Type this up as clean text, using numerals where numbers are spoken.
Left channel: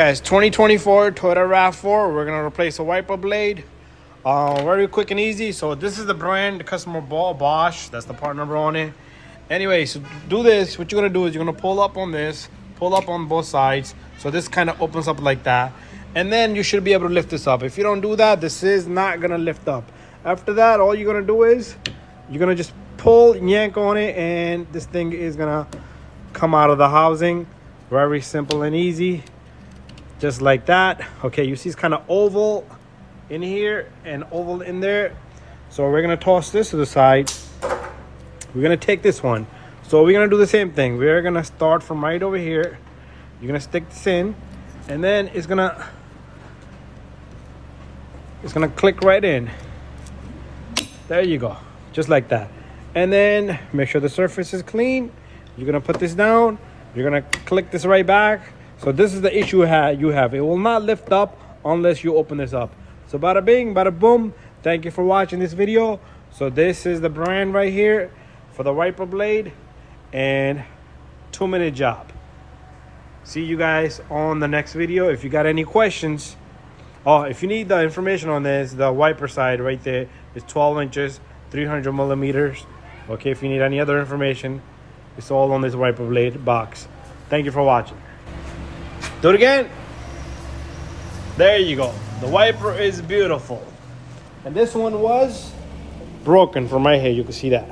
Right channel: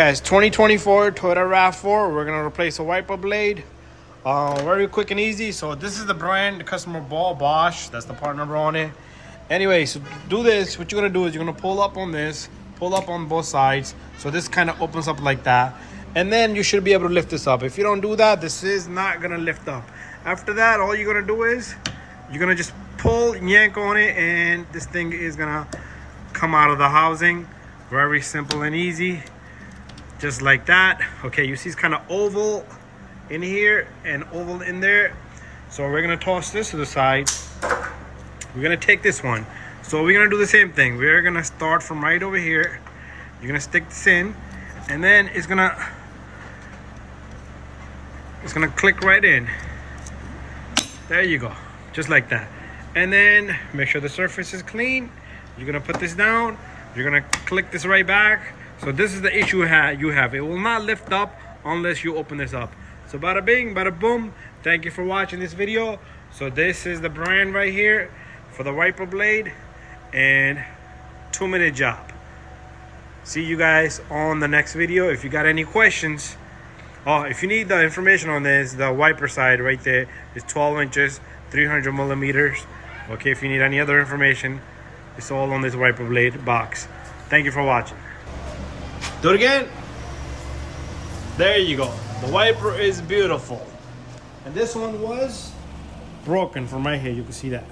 Guys, 2024 Toyota RAV4. We're gonna replace a wiper blade. Very quick and easy. So this is the brand, the customer bought Bosch. That's the part number on it. Anyway, so do this. What you're gonna do is you're gonna pull up on this, pull up on both sides. So this kind of opens up like that, and then you should be able to lift this up. If you don't do that, this is not gonna lift up. After that, all you're gonna do is you're gonna just pull, yank on it, and this thing is gonna come out of the housing. Very simple and easy. Just like that. Okay, you see it's kind of oval in here and oval in there. So we're gonna toss this to the side. We're gonna take this one. So we're gonna do the same thing. We're gonna start from right over here. You're gonna stick this in, and then it's gonna click right in. There you go, just like that. And then make sure the surface is clean. You're gonna put this down. You're gonna click this right back. So this is the issue you have. It will not lift up unless you open this up. So bada bing, bada boom. Thank you for watching this video. So this is the brand right here for the wiper blade, and 2-minute job. See you guys on the next video. If you got any questions, if you need the information on this, the wiper side right there is 12 inches, 300 millimeters. Okay, if you need any other information, it's all on this wiper blade box. Thank you for watching. Do it again. There you go. The wiper is beautiful. And this one was broken from right here. You can see that.